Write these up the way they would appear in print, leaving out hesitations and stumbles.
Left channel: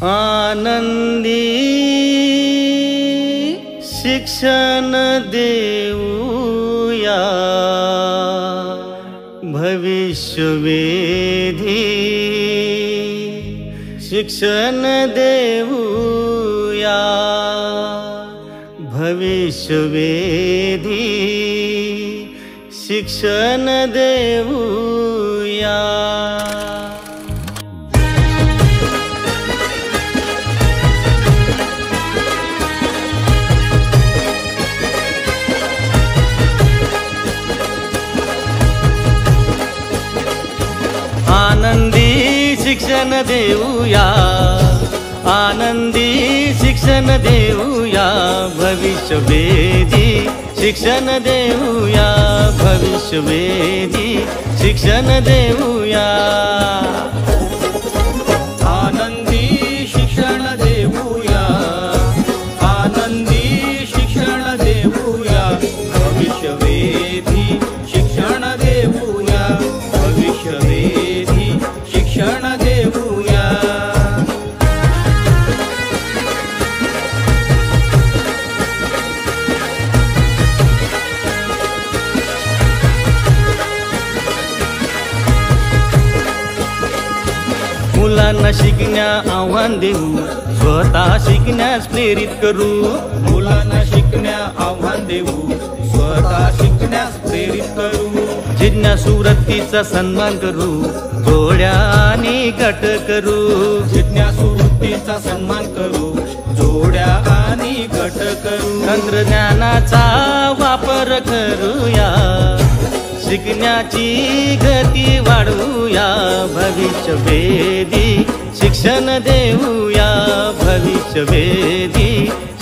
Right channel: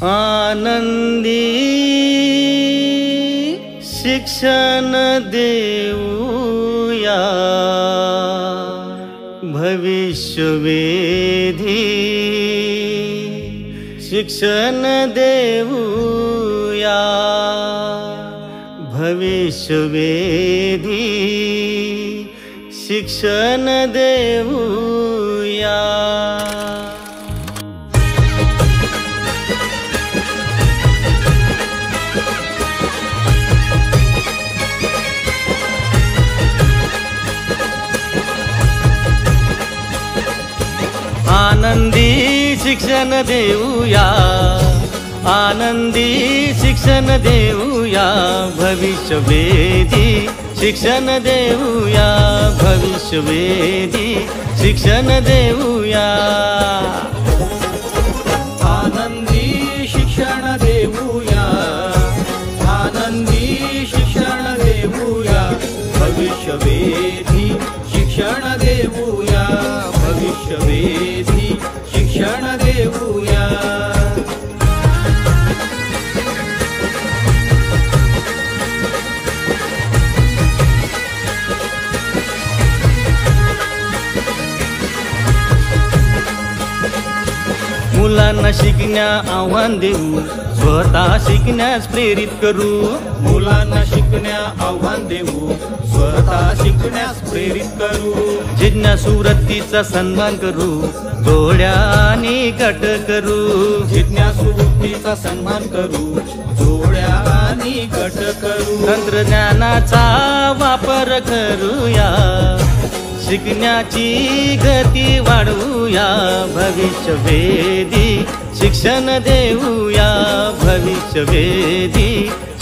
आनंदी शिक्षण देऊया भविष्यवेधी शिक्षण देऊया भविष्यवेधी शिक्षण देऊया। आनंदी शिक्षण देऊया आनंदी शिक्षण देऊया भविष्यवेधी शिक्षण देऊया भविष्यवेधी शिक्षण देऊया। आनंदी शिक्षण देऊया आनंदी शिक्षण देऊया भविष्यवेधी शिक्षण देऊया भविष्यवेधी शिक्षण देऊया। मुलांना शिकण्या आव्हान देऊ स्वतः शिकण्यास प्रेरित करू मुलांना शिकण्या आव्हान देऊ स्वतः शिकण्यास प्रेरित करू। जिज्ञासू वृत्तीचा सन्मान करू जोड्याने गट करू जिज्ञासू वृत्तीचा सन्मान करू जोड्या आणि गट करू। तंत्रज्ञानाचा वापर करूया शिकण्याची गती वाढवूया भविष्यवेधी शिक्षण देऊया भविष्यवेधी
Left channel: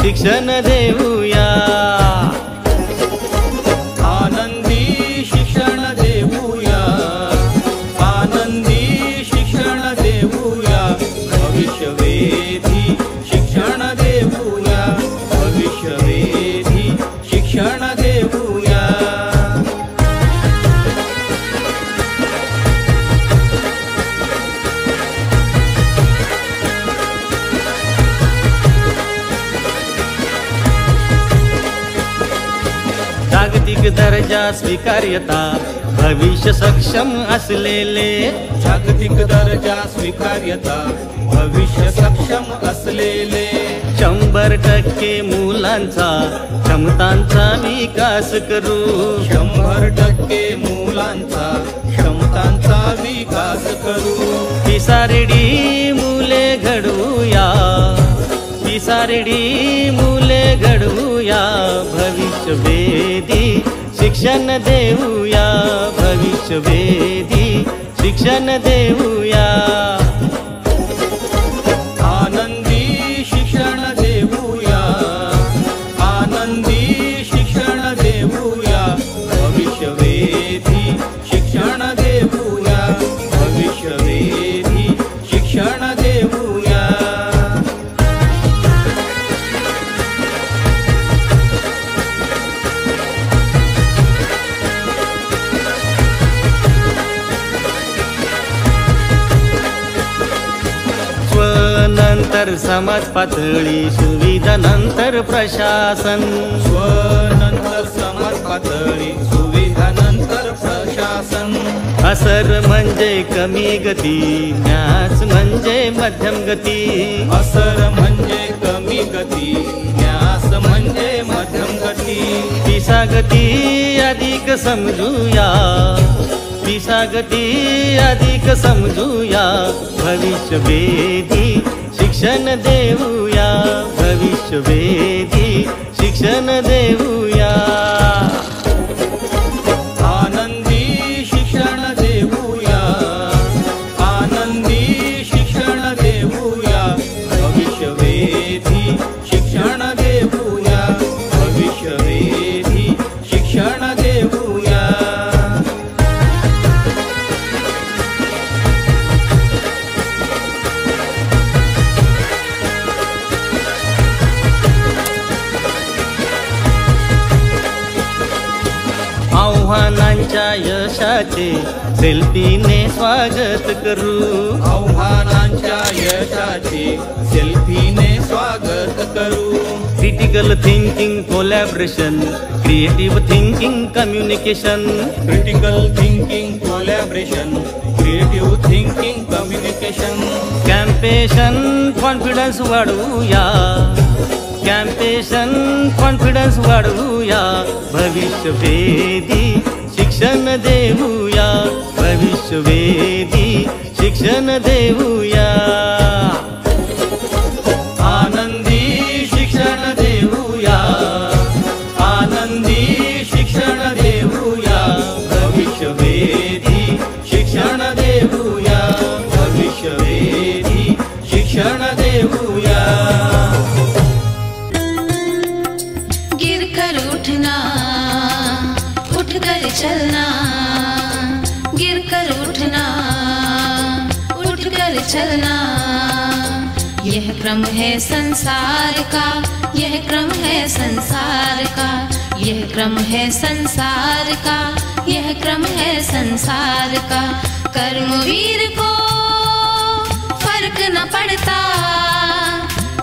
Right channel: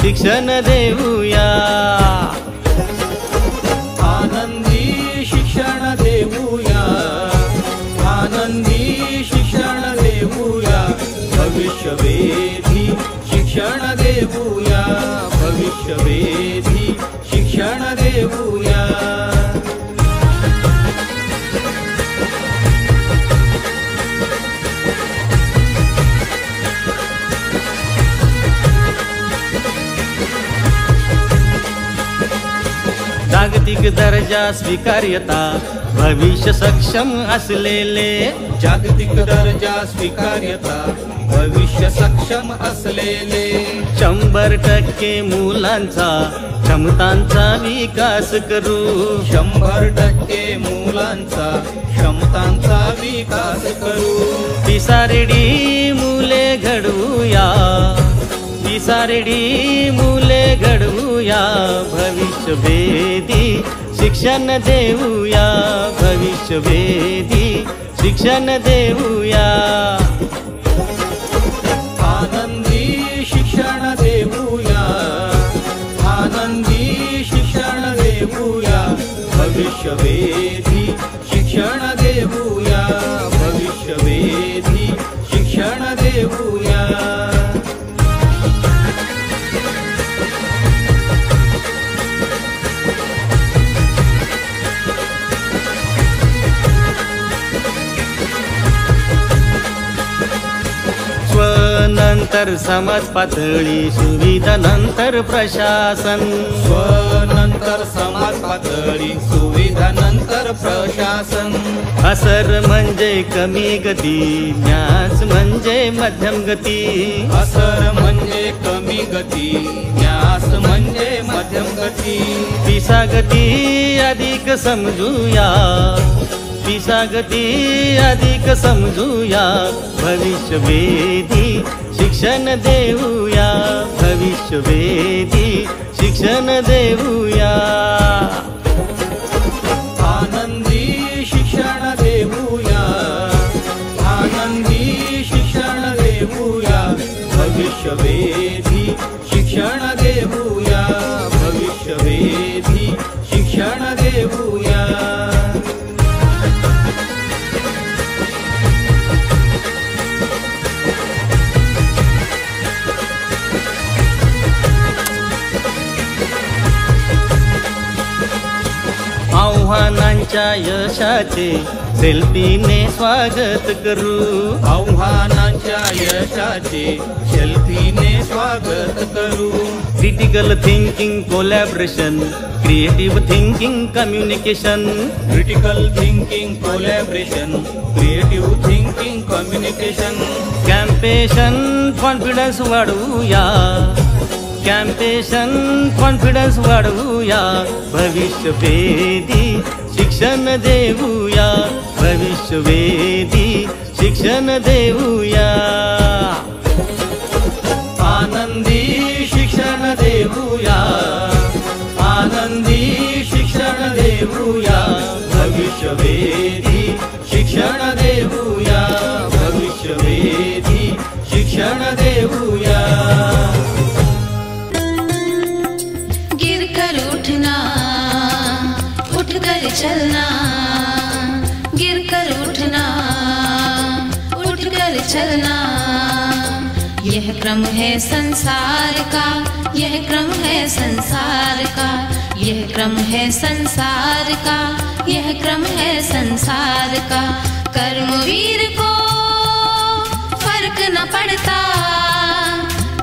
शिक्षण देऊया। आनंदी शिक्षण देऊया आनंदी शिक्षण देऊया भविष्यवेधी शिक्षण देऊया भविष्यवेधी शिक्षण देऊया। जागतिक दर्जा स्वीकार्यता भविष्य सक्षम असलेले जागतिक दर्जा स्वीकार्यता भविष्य सक्षम असलेले 100% मुलांचा क्षमतांचा विकास करू 100% मुलांचा क्षमतांचा विकास करू। पिसारेडी मुले घडवूया पिसारेडी मुले घडवूया भविष्यवेधी शिक्षण देऊया भविष्यवेधी शिक्षण देऊया। आनंदी शिक्षण देऊया आनंदी शिक्षण देऊया भविष्यवेधी शिक्षण देऊया भविष्यवेधी शिक्षण देऊया। स्वनंतर समाज पातळी सुविधा नंतर प्रशासन स्वनंतर समाज पातळी सुविधा नंतर प्रशासन। असर म्हणजे कमी गती न्यास म्हणजे मध्यम गती असर म्हणजे कमी गती न्यास म्हणजे मध्यम गती। पिसा गती अधिक समजूया पिसा गती अधिक समजूया भविष्यवेधी शिक्षण देऊया भविष्यवेधी शिक्षण देऊया। आनंदी शिक्षण देऊया आनंदी शिक्षण देऊया भविष्यवेधी शिक्षण देऊया भविष्यवेधी शिक्षण देऊया। आव्हानांच्या यशाचे सेल्फीने स्वागत करू. आव्हानांच्या यशाचे सेल्फीने स्वागत करू. Critical thinking collaboration, creative thinking communication. Critical thinking collaboration, creative thinking communication. Compassion confidence वाढवूया, कॅम्पेशन कॉन्फिडन्स वाढवूया. भविष्यवेधी शिक्षण देऊया, भविष्यवेधी शिक्षण देऊया. आनंदी शिक्षण देऊया, आनंदी शिक्षण देऊया. भविष्यवेधी शिक्षण देऊया, भविष्यवेधी शिक्षण देऊया. गिर कर उठना, उठ कर चलना. गिर कर उठना, उठ कर चलना. यह क्रम है संसार का, यह क्रम है संसार का. यह क्रम है संसार का, यह क्रम है संसार का. कर्मवीर को फर्क न पड़ता,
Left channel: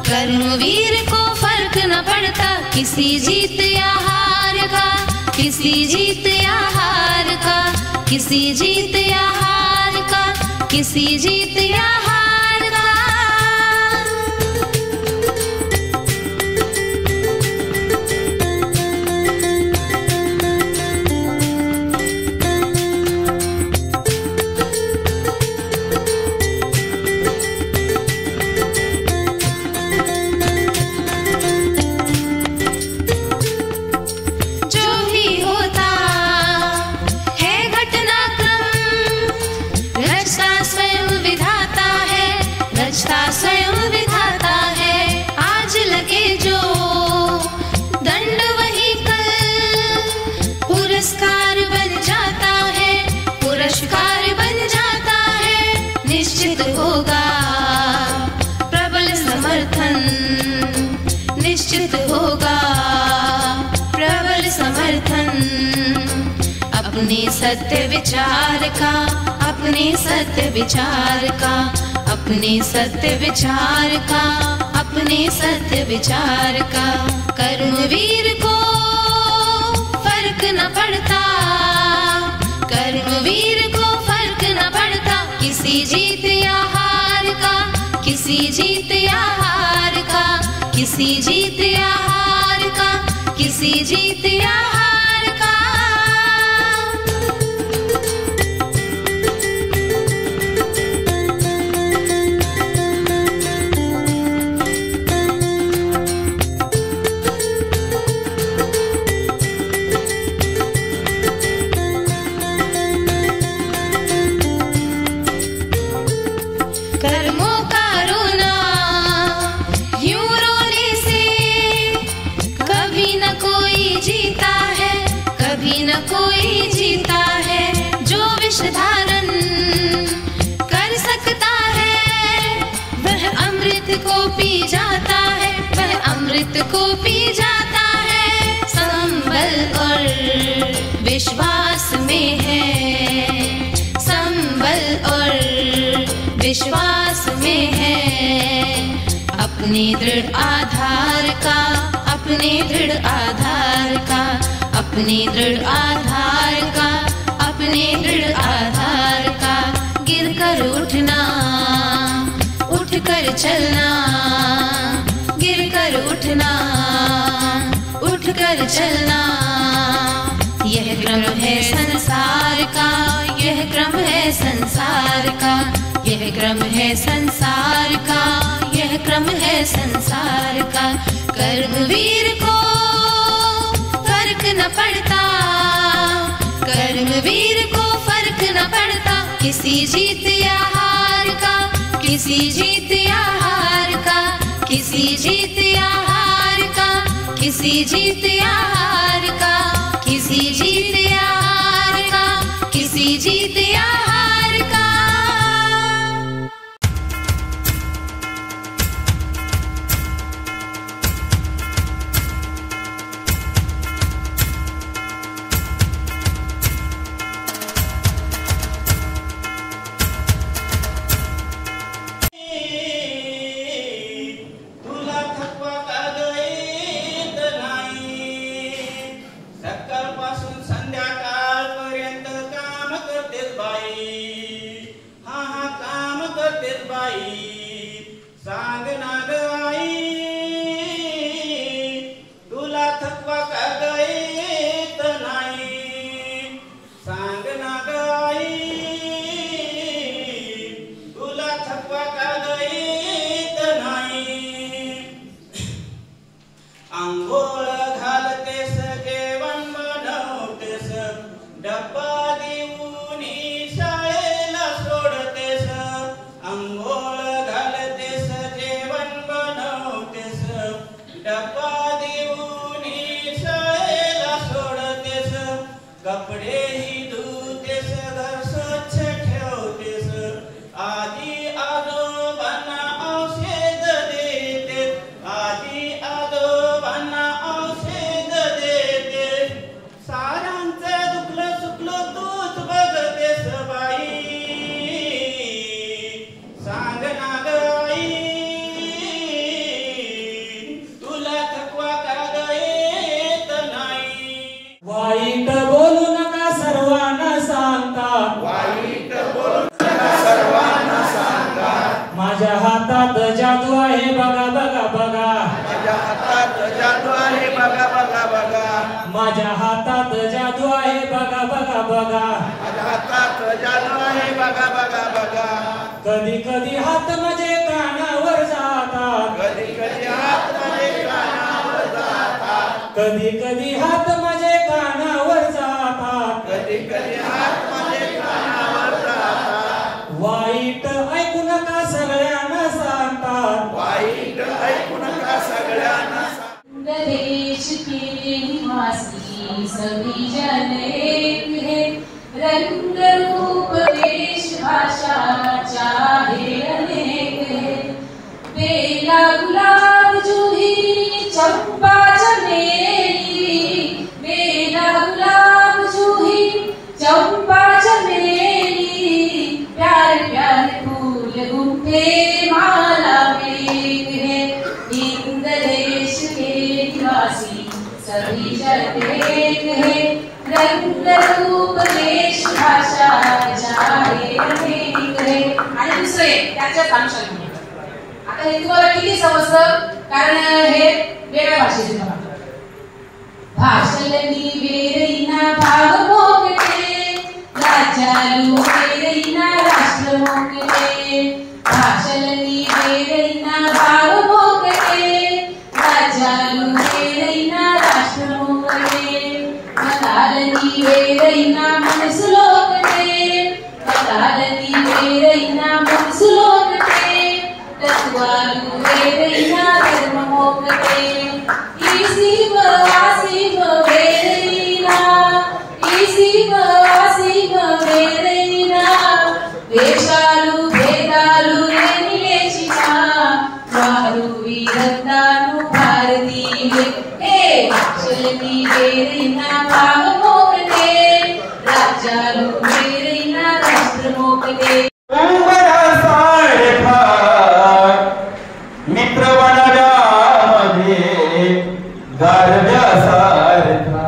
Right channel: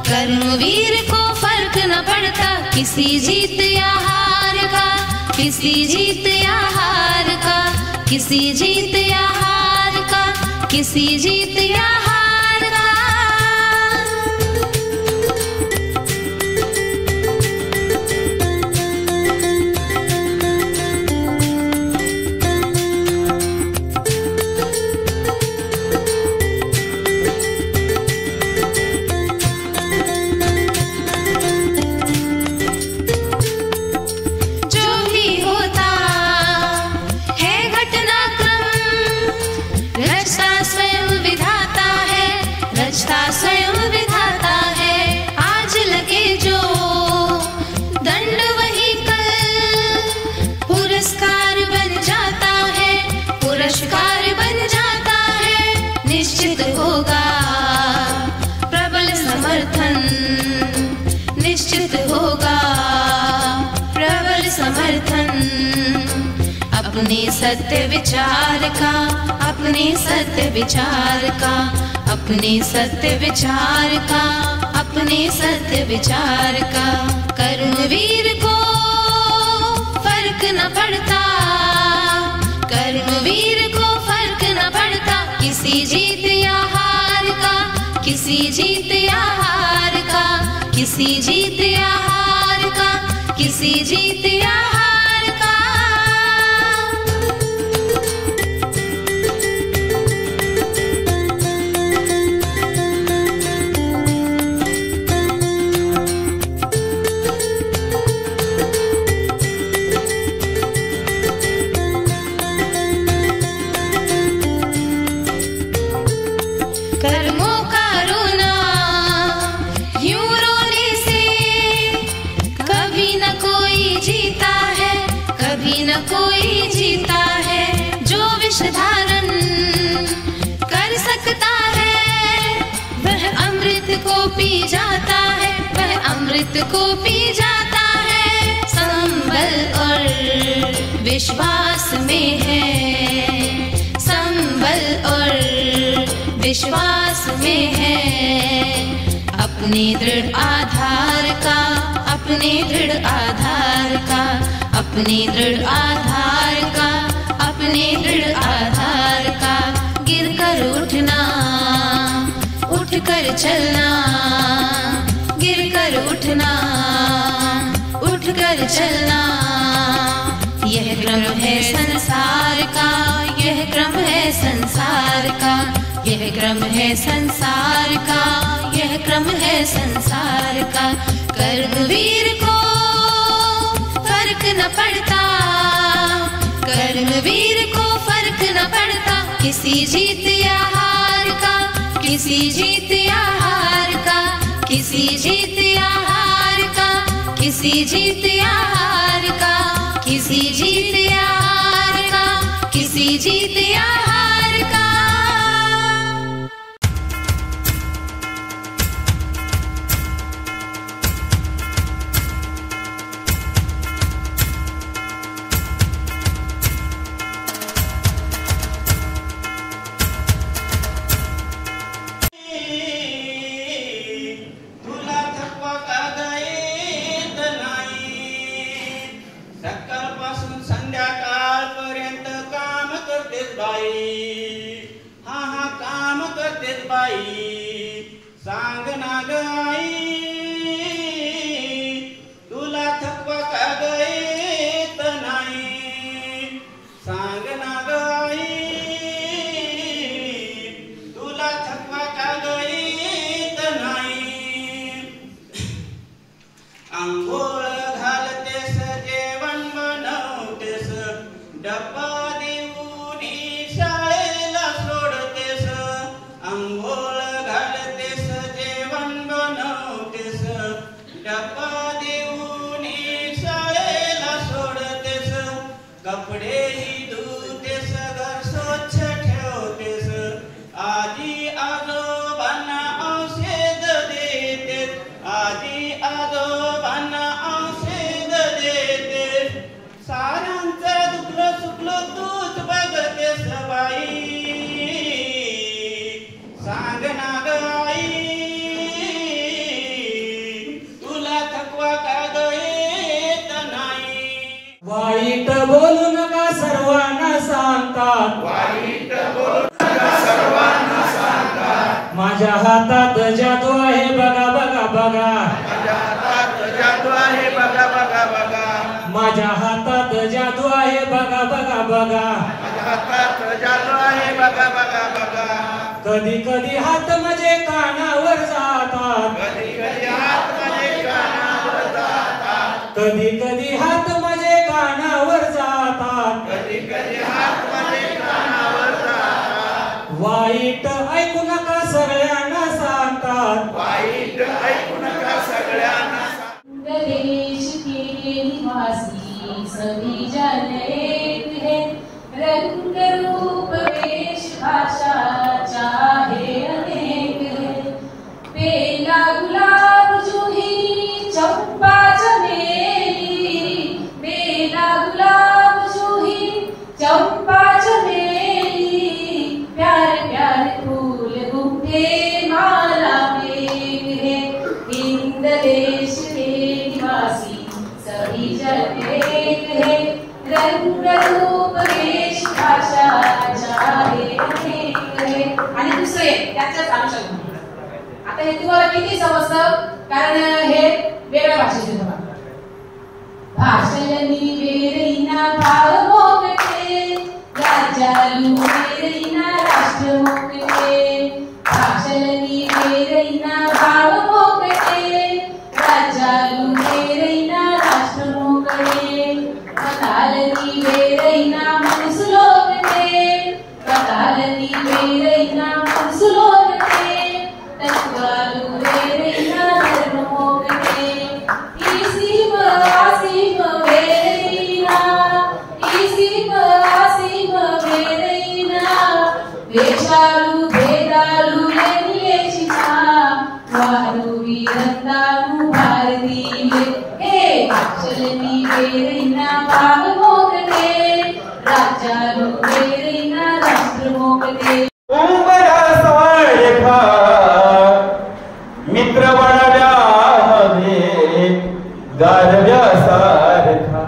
कर्मवीर को फर्क न पड़ता. किसी जीत या हार का, किसी जीत या हार का. किसी जीत या हार का, किसी जीत या हार का. स्वयं विधाता है. आज लगे जो दंड वही कल पुरस्कार बन जाता है, पुरस्कार बन जाता है. निश्चित होगा प्रबल समर्थन, निश्चित होगा प्रबल समर्थन. अपने सत्य विचार का, अपने सत्य विचार का, अपने सत्य विचार का, अपने सत्य विचार का. कर्मवीर को फर्क न पड़ता, कर्मवीर को फर्क न पड़ता. किसी जीत या हार का, किसी जीत या हार का. किसी जीत या हार का, किसी जीत या हार का. कर्मों का रोना यूं रोने से कभी न कोई जीता है, कभी न कोई जीता है. जो विष धारण कर सकता है वह अमृत को पी जाता है, वह अमृत को पी जाता है. संबल और विश्वास में है, संबल और विश्वास में है. अपने दृढ़ आधार का, अपने दृढ़ आधार का, अपने दृढ़ आधार का, अपने दृढ़ आधार का. गिर कर उठना, उठ कर चलना. गिर कर उठना, उठ कर चलना. यह क्रम है संसार का, यह क्रम है संसार का. यह क्रम है संसार का, यह क्रम है संसार का. कर्मवीर को फर्क न पड़ता, कर्मवीर को फर्क न पड़ता. किसी जीत या हार का, किसी जीत या हार का. किसी जीत या हार का, किसी जीत या हार का. किसी जीत या हार का, किसी जीत या हार का. डब्बा देऊन शाळेला सोडतेस, कपडेही धुतेस, घर स्वच्छ ठेवतेस, आजी आजोबांना औषध देते, आजी आजोबांना औषध देते, सारांचं दुखलं सुखलं तूच बघतेस बाई, सांग ना ग आई, तुला थकवा का ग येत नाही. वाईट बोलू नका सर्वांना सांगतात, वाईट बोलू नका सर्वांना सांगतात, माझ्या हातात जादू आहे बघा बघा बघा, माझ्या हातात जादू आहे बघा बघा बघा, माझ्या हातात जादू आहे बघा बघा बघा, माझ्या हातात जादू आहे बघा बघा बघा, कधी कधी हात माझे कानावर जातात, कधी कधी हात माझे कानावर जातात, कधी कधी हात माझे कानावर जातात, कधी कधी हात माझे कानावर जातात, वाईट ऐकू नका सगळ्यांना सांगतात, वाईट ऐकू नका सगळ्यांना सांग. देश के निवासी सभी जन एक है, रंग रूप वेश भाषा चाहे अनेक है, बेला गुलाब जूही चंपा चमेली, बेला गुलाब जूही चंपा चमेली, प्यार प्यार फूल गुंथे माला में है, हिंद देश के निवासी सभी जन एक है, रंग रूप वेश भाषा चाहे अनेक है. आणि दुसरे त्याच्यात अंश आता हे तुम्हाला किती समजतं, कारण हे वेगळ्या भाषेचे भाषलनी वेरैना भाव मोकटे, राजालू वेरैना राष्ट्र मोकटे, भाषलनी वेरैना भाव मोकटे, राजालू वेरैना राष्ट्र मोकटे, मतालनी वेरैना मनस लोकटे, मतालनी वेरैना मनस लोकटे, तत्वालू वेरैना धर्म मोकटे, इसीम आसीम वेरैना, इसीम आसीम वेरैना, देशालू भेदालू लेचिना, वारू वीरतानु भारती हे, भाषलनी वेरैना भाव मोकटे, राजालू वेरैना राष्ट्र मोकटे. मित्र बनव्यामध्ये गारव्यासारखा,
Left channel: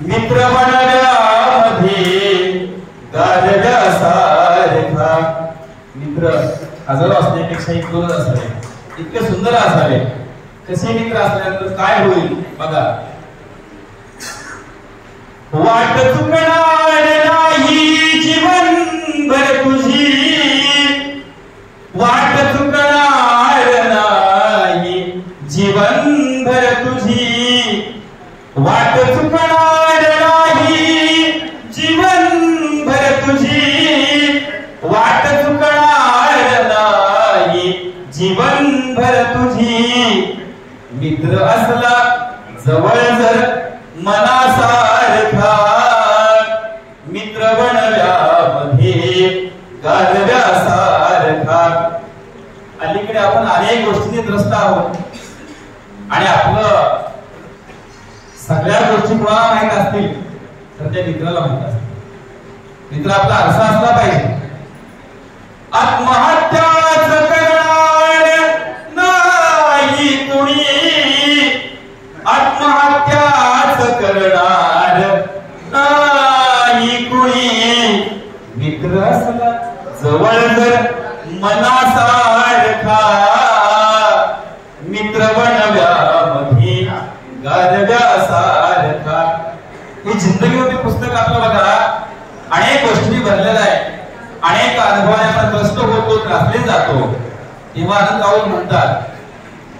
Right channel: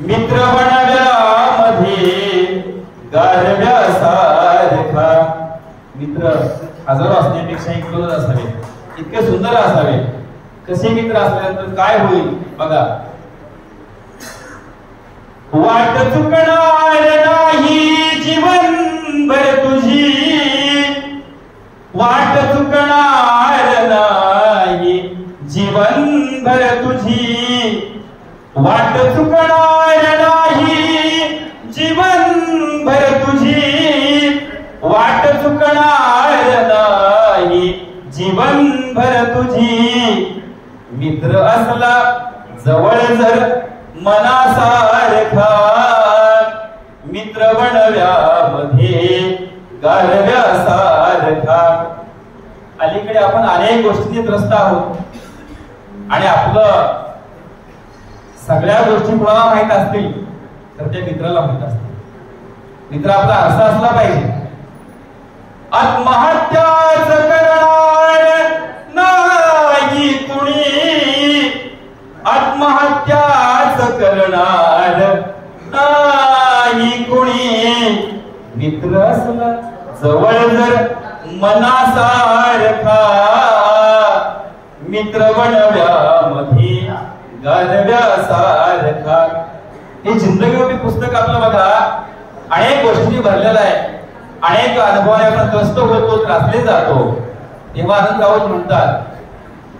मित्र बनव्यामध्ये गारव्यासारखा, मित्र हजारो असण्यापेक्षा एक दोन असावे, इतके सुंदर असावे. कसे मित्र असल्यानंतर काय होईल बघा. वाट चुकणार नाही जीवनभर तुझी, वाट चुकणार नाही जीवनभर तुझी, वाट चुकणार नाही जीवनभर तुझी, वाट चुकणार नाही जीवनभर तुझी, मित्र असला जवळ जर मनासारखा, मित्र बनव्यामध्ये गारव्यासारखा. अलीकडे आपण अनेक गोष्टींनी त्रस्त आहोत आणि आपलं सगळ्या गोष्टी कोणाला माहित असतील तर त्या मित्राला माहित असतील. मित्र आपला आरसा असला पाहिजे. आत्महत्याच करणार नाही कुणी, आत्महत्याच करणार नाही कुणी, मित्र असला जवळ जर मनासारखा, मित्र बनव्यामध्ये गारव्यासारखा. हे जिंदगी पुस्तक आपलं बघा अनेक गोष्टी भरलेलं आहे, अनेक अनुभवाने आपण त्रस्त होतो, त्रासले जातो. तेव्हा आनंद राऊत म्हणतात,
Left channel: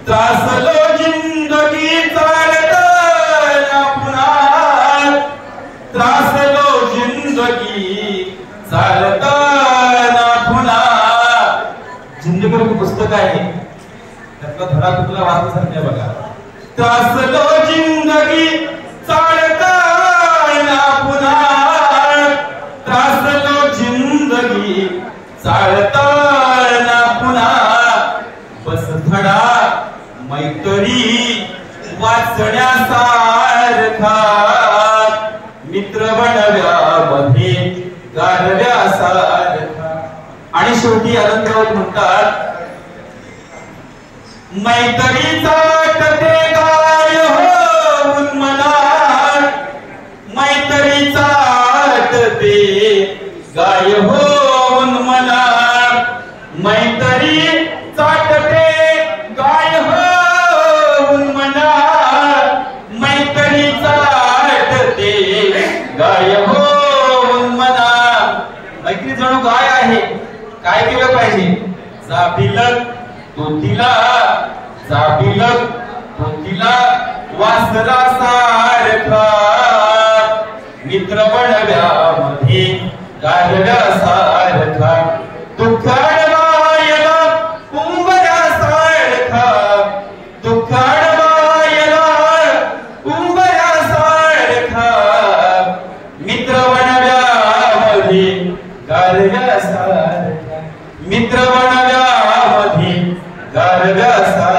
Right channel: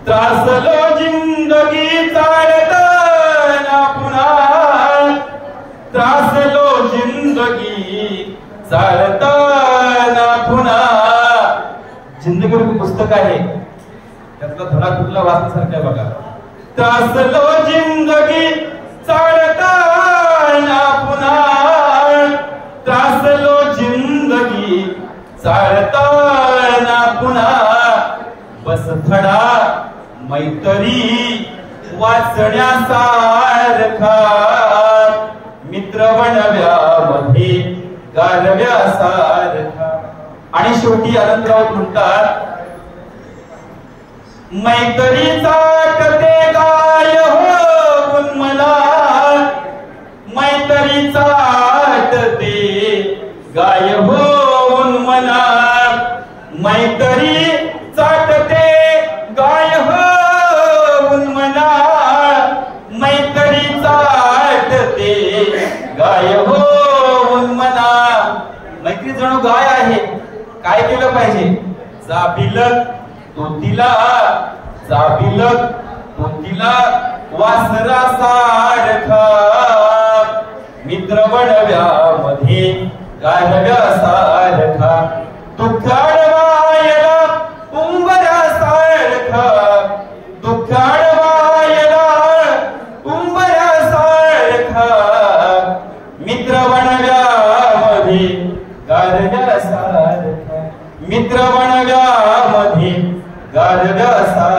त्रासलो जिंदगी चालताना पुन्हा, त्रासलो जिंदगी चालताना पुन्हा. जिंदगी पुस्तक आहे, त्यातला धडा कुठला वाचण्यासारखा आहे बघा. त्रासलो जिंदगी चालताना पुन्हा त्रासलो जिंदगी चालताना पुन्हा बस धडा मैत्री वाचण्यासारखा मित्र बनव्यामध्ये गारव्यासारखा. आणि शेवटी आनंदराव म्हणतात मैत्रीचा ते गाय होऊन मला मैत्रीचा ते गाय होऊन मला मैत्री चाटते गाय होऊन मला मैत्री चाटते गाय होऊन मला. मैत्री जणू गाय आहे. काय केलं पाहिजे? जाबिलत तोतीला वासरासारखा मित्र बनव्यामध्ये गारव्यासारखा दुःखाडवायला उंबऱ्यासारखा दुःखाडवायला उंबऱ्यासारखा मित्र बनव्यामध्ये गारव्यासारखा मित्र बनव्यामध्ये गारव्यासारखा.